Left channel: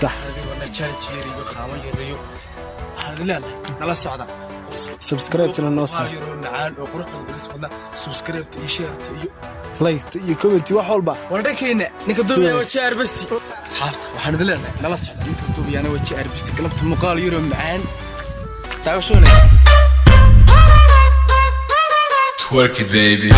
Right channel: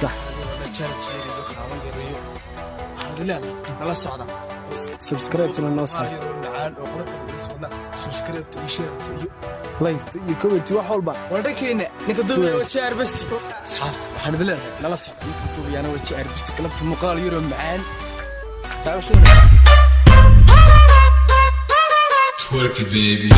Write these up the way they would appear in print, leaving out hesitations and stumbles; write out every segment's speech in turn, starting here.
صح على الصعدة سبسكرايب للنصر معان وقرب النصر سبسكرايب شير لايك كومنت وحولبا وركينا نكدوبيا وشير بس اصحاب waxaan dilan laba sax duubiyana wajir bas kalabta muuqaal yaro macaan taawshuna twerk it baby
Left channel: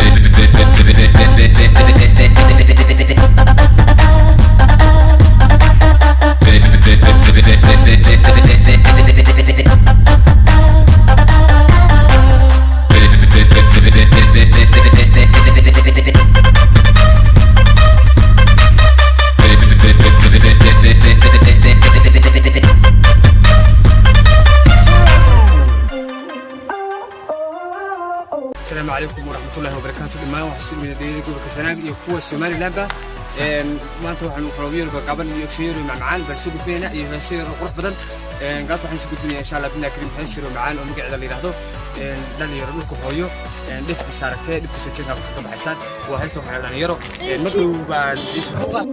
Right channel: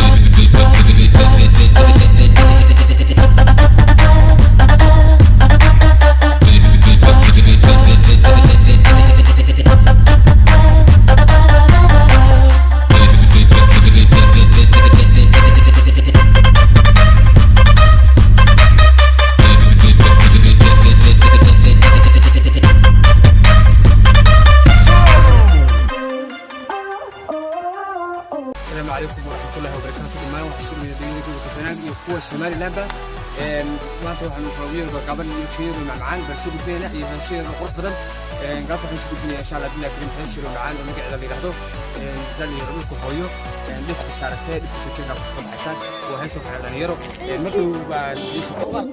السلام عليكم ورحمة الله وبركاته. ما وحسين من الدنيا يقول كسران يقوى الشمال لعبة. ما تروح القرويين وقابل يكفير ومعان بسيبوا فينا يهسير وقوة بدل. قابل يسيبوا فينا إن شاء الله فينا كريم هسير ومعان ونقعد اللي نحضر. لأن يرون القرويين ليش الساعتين بس تشوف عشان وهيسوا على يرو. مثل بعد يسوع.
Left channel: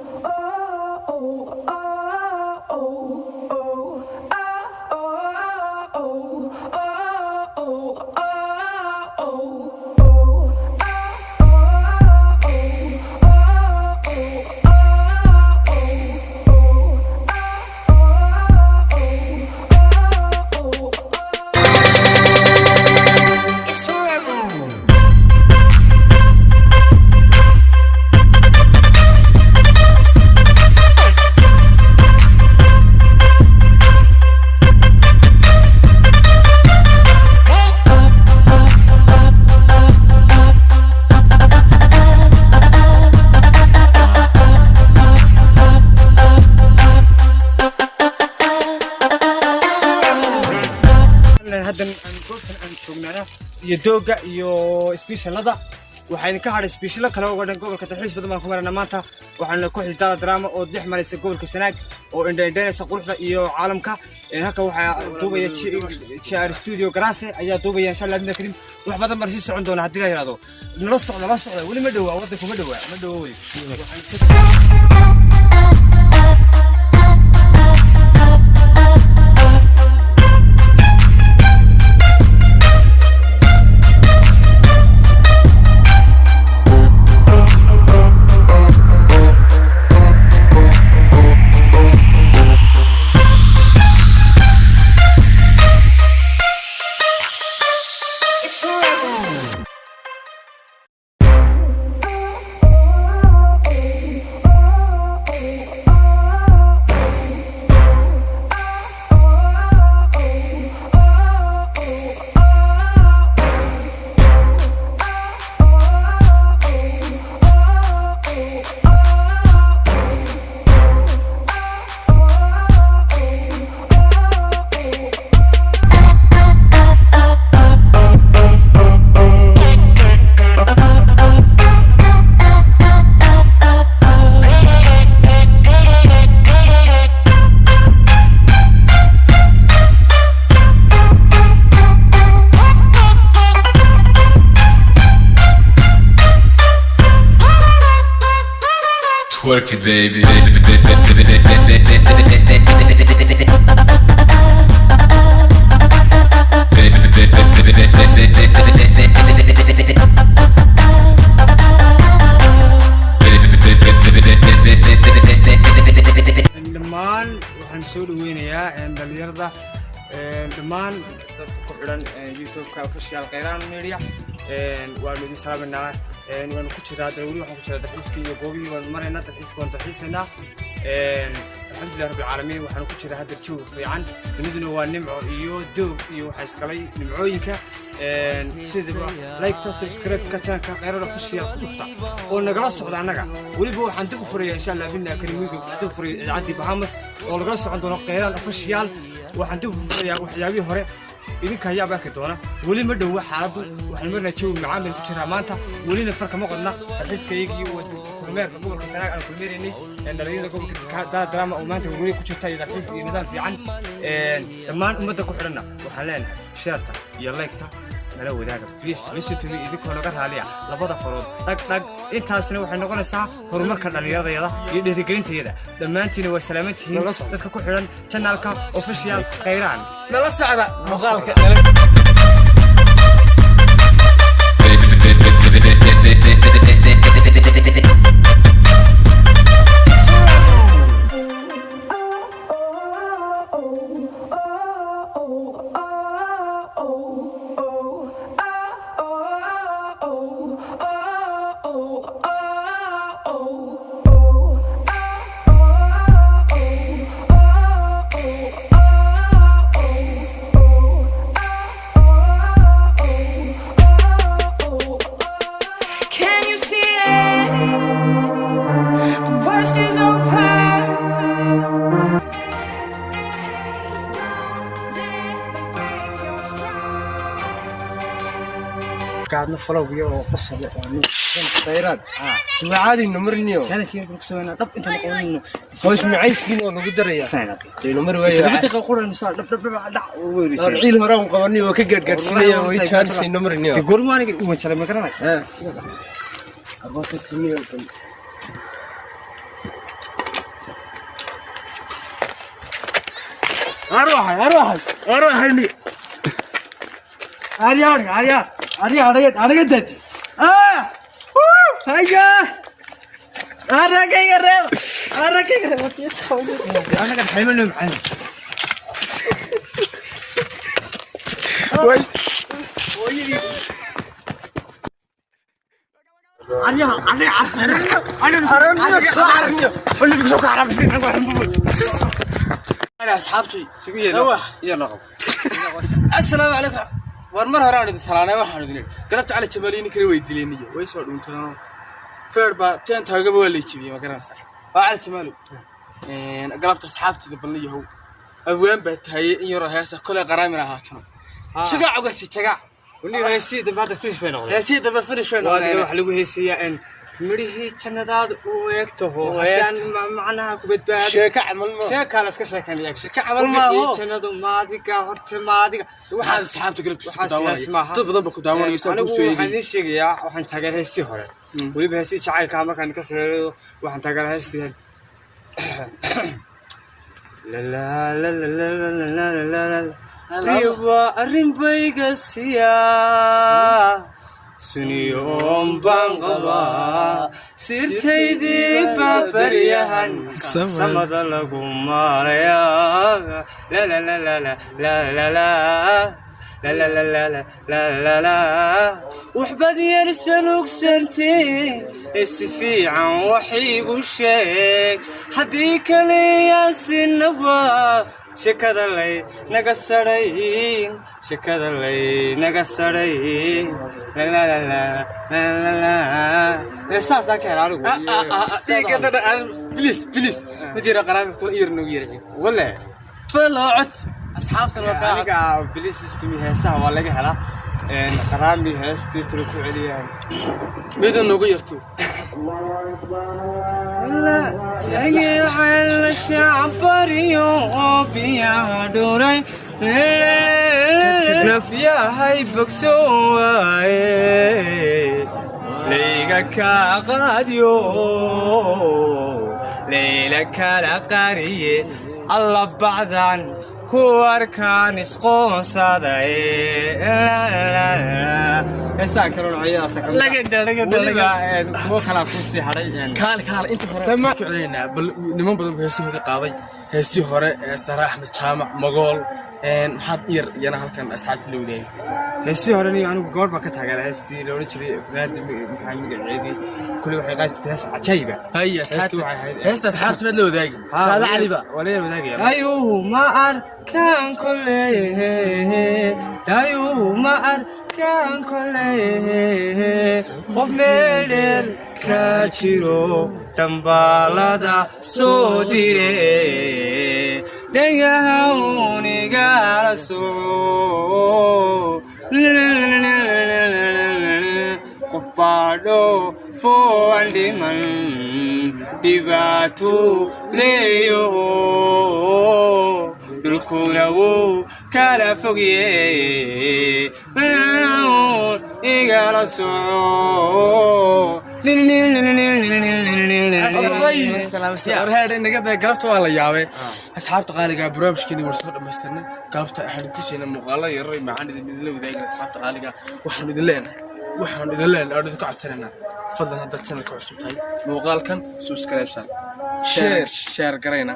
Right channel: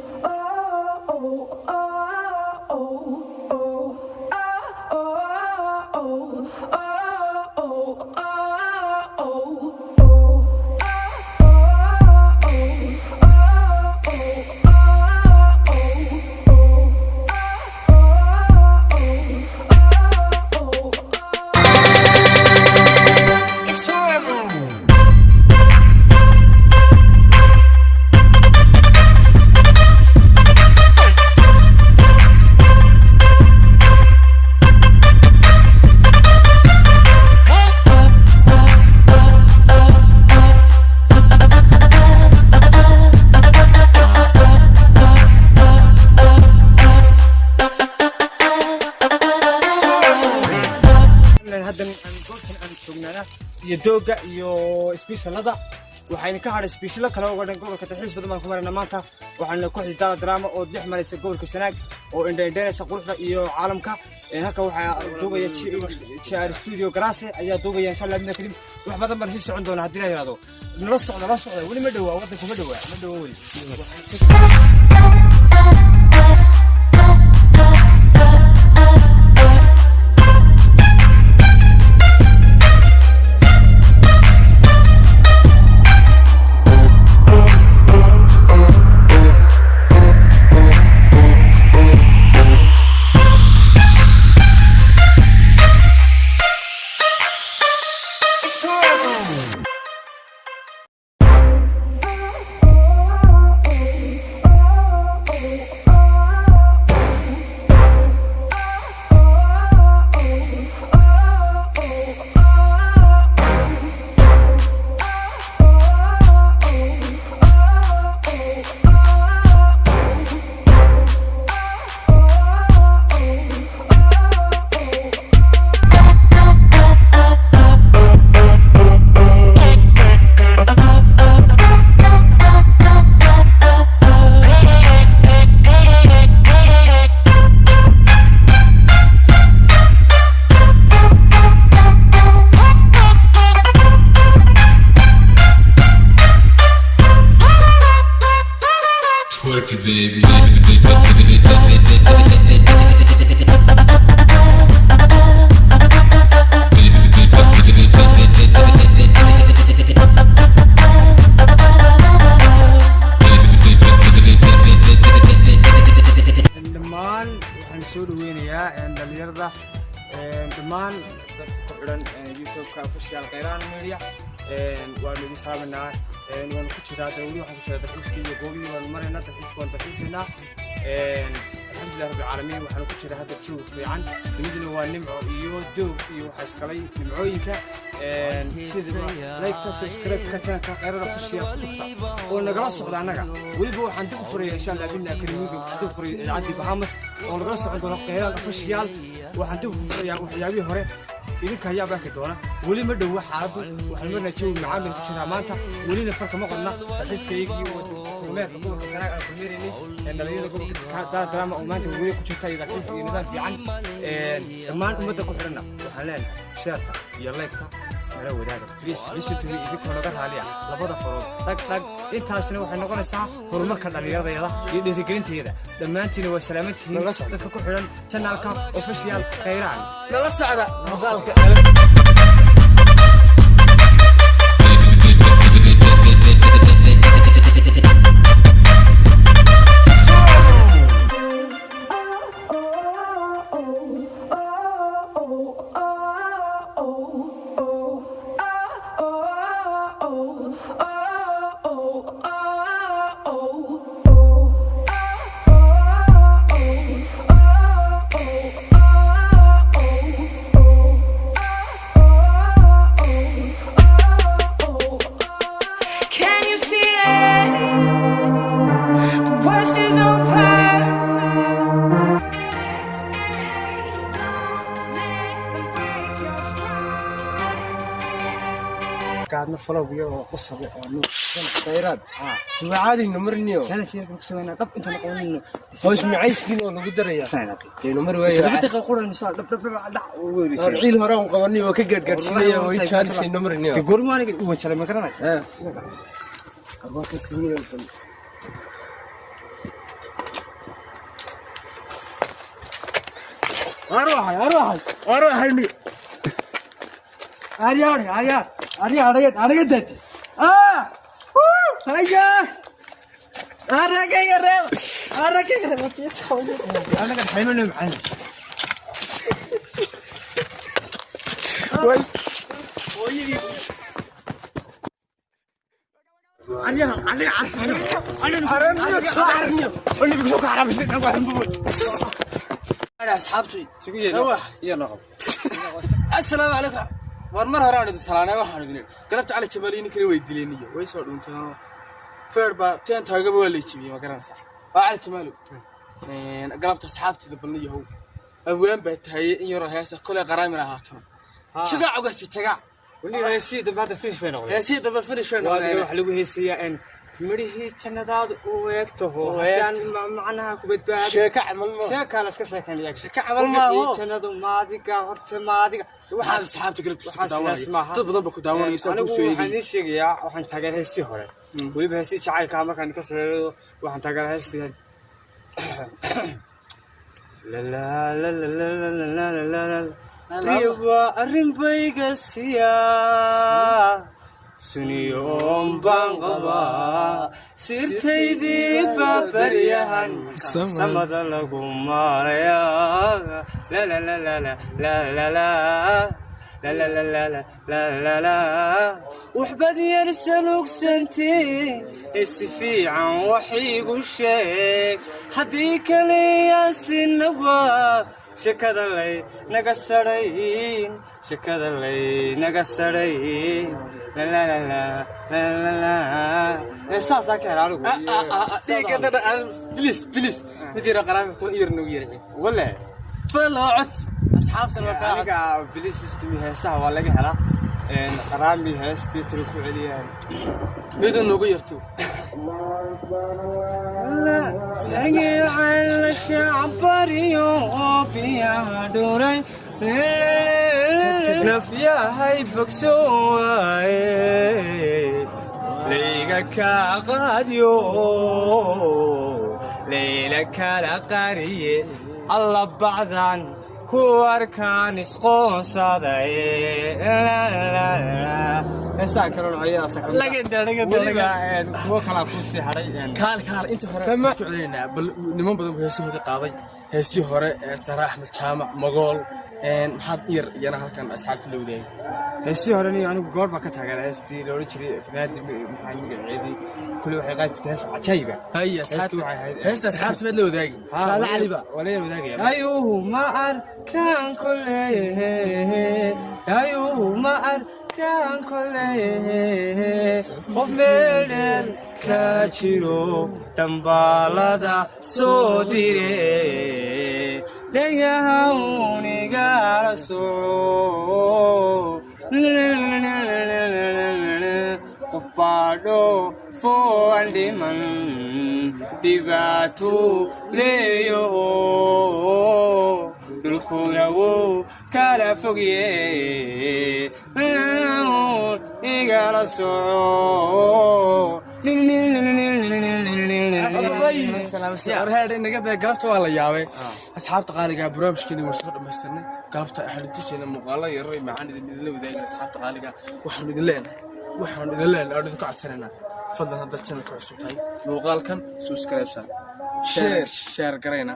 يدوغا يو سبيشال هذا waxaan ka hadhay special kale oo dhan gobolka dalxiis badan ku marana maanta waxaan ku xiltaa drama oo dhex maraysa gobolka Sanaag oo indheynaysa quruxda iyo caalamka halka waxa duubaya CR Studio Grasse ayaa duubaya insha Allah midna karim wax badan mar sii socon doona hadii la yiraahdo nala socda wali ma dhawa wadanka ma dhawa Twerk it baby dhammaan waxaan soo dhaweynayaa dhalinyarada dhammaan dadka ku xiran YouTube-ka official Khayran Media waa lagu salaamanaa waan ku jiraa dawladda waxaan ku jiraa dalxiiska goobiga waan marayna dalxiiska الحمد لله رب العالمين waxaan ku jiraa hadda joog fiican duniduna waa nimco iyo doog iyo waxa iskalay nimcooyinka sida like subscribe ka channelka Khayran official oo nagala socda anaga waliba waxaan dib u furaya insha Allah inna kariimiga dib u furaya idaacadii Bahamas oo laga socon doono Khayran official waxaan dib u furaya waxyaabihii hore idinka ayaa baa ka doona wali ma dhaw xaaladu waxaan marna joog macaan ku jiraa maanta walina farka ma qodna dadkayga iyo meelka gobolka Sanaag aan ku meerinay dhalinyarada drama oo maanta wali ku jirta idaacadii iyo nidaam fiican dhammaan ummadda ku xirna waxaan leenahay sheerta iyo like-ta nala wadaaga please listen to me idinkoo naga raaliya labada farood dhag intaasna waxay noqonaysaa horumarka dhallinyaradayada iyo dhiirigelintayada dhammaantiina waa salaamantihiin dadka ku xidhan channelka official Khayraan nala socda muuqaalka قاعدنا فلو بيو قصة Khayraan ma caadi numarniyo سنتين بنكسونا طب انت قولنا hoos macayis kiin oo nagu daraya سنتين numar way دقيقة قولنا نصار دع ويريشين ciil hore aan qabanay oo ka gaadgaarsinaya way chance numarniyo تقول ما أنا قلت شلون ما كرنا arbata siniyo أروح هني أريا دتي هيا أرجع أنا قاعد حيمنا معنا أنا أصحابتي يلا السلام عليكم ورمر هران السلام وحنا قلبت على جبالين كري ويدليني ويسود انت فيربا تين تاغبا ولا يجيبي ما كان صح على جمالو قلبت اصحابتي دبليه هو اوان بتهي يرو هيسه كل قرامنا هاتنا شقع عقسي شقع وني هيسي دبا فيش فين هيسي دبا فيش فين وادي wax lagu heesiyaa in midhihii jannadaad u eegto hadaan macnaha ku badbaado sheeka camal ma sheeka la iska sheekanaya sheeka camal ma jannadu maadiga horta maadiga waxaan asxaabta galabta dad badan ba ku daawanayay soo ku soo waxaan sheegayaa waxaan tagay heesi hore waliba heesi jacaylka markaan ka soo waxaan tagay heestii la la la la la la la liwa arrin bayga siya سنيوم بانغبا سيرتيدي بابريهن سمد لكم ماريا لا لا لا لا لا لا لا لا لا لا لا لا لا لا وحبدي يرسلوك سنتين اسفي عن وحي وشيك حديك لي يا سنبا شكدا لي نقصرين شكدا لي نقصرين لا لا لا لا لا لا ساسا كلامك بليز مدير قرابك يرنو يرجع ولا فلوعت اصحابنا الوفاء بليز استمي هسه ولا هلا قرامي هستي تركوا عليها ميدو نوغو يرتو لا تجعل الشعب يوبيا دوري نفيا هاي بكسواي ليك قاديو ليلك لقريه الله بعدان كواركان اسقون صداي لا ساكرون عيا ساكرون لا قدر هو خلاص كوسي حري كان انت هره ما كعلينا بل niman badan heesii hore qaaday heesii hore Sarax Ahmed Jaamac Magool maxaad yana halkan asxaabta la wadaayay heesii hore anigu goor ba ka taageeray heestii la oran jiray afraad maxay magaceedii kulli waxay qaatay hees cajayba hay asxaabtu heesta asxaabta mid la wadaagay saada caliba wala wadaagay ayuu ma arkaan kulli ayuu ma arkaan kulli qof meel ka jiro dambalada soo diray dhagaha soo qof baadho foandiman dhibaato leeyo dhulkuna wuu kala fogye igala soo galabta waa la yaabay asxaabta qaaliga barnaamijkeena war soo dhamaysanay galabta waxaan tusayna muuqaalo yar macaan idin wadaagay asxaabta qaaliga waxaan idin leenahay oo idin ka codsanayna fadlan hadda channelka cusub tahay muuqaalkan subscribe share garayna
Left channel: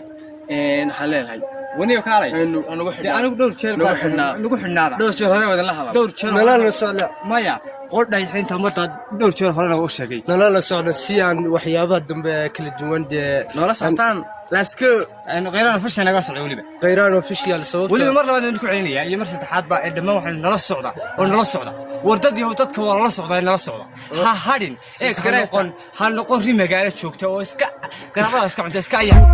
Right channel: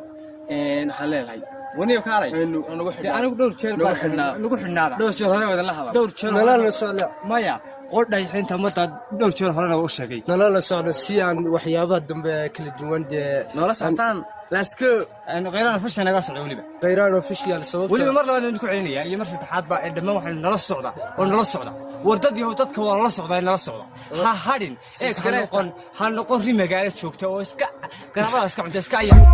waxaan leenahay ونيو كاري أنا دور شير نقول حنا دور شير هذا ولا هذا دور شير لا لا سؤال مايا قلنا الحين تمت دور شير هذا وش شيء لا لا سؤال سيان وحيابات دم كل الجوان ده لا سلطان لاسكو أنا غيرنا فيش أنا قاصد عولي غيران وفيش يا الصوت واللي مرة بعد نقول عليا هي مرة تحاد بقى الدم وحنا نص صعدة ونص صعدة وردي هو تذكر ولا نص صعدة نص صعدة هادين هنقول ريمة قاعدة تشوك تو اسكا كنا خلاص كم تسكايا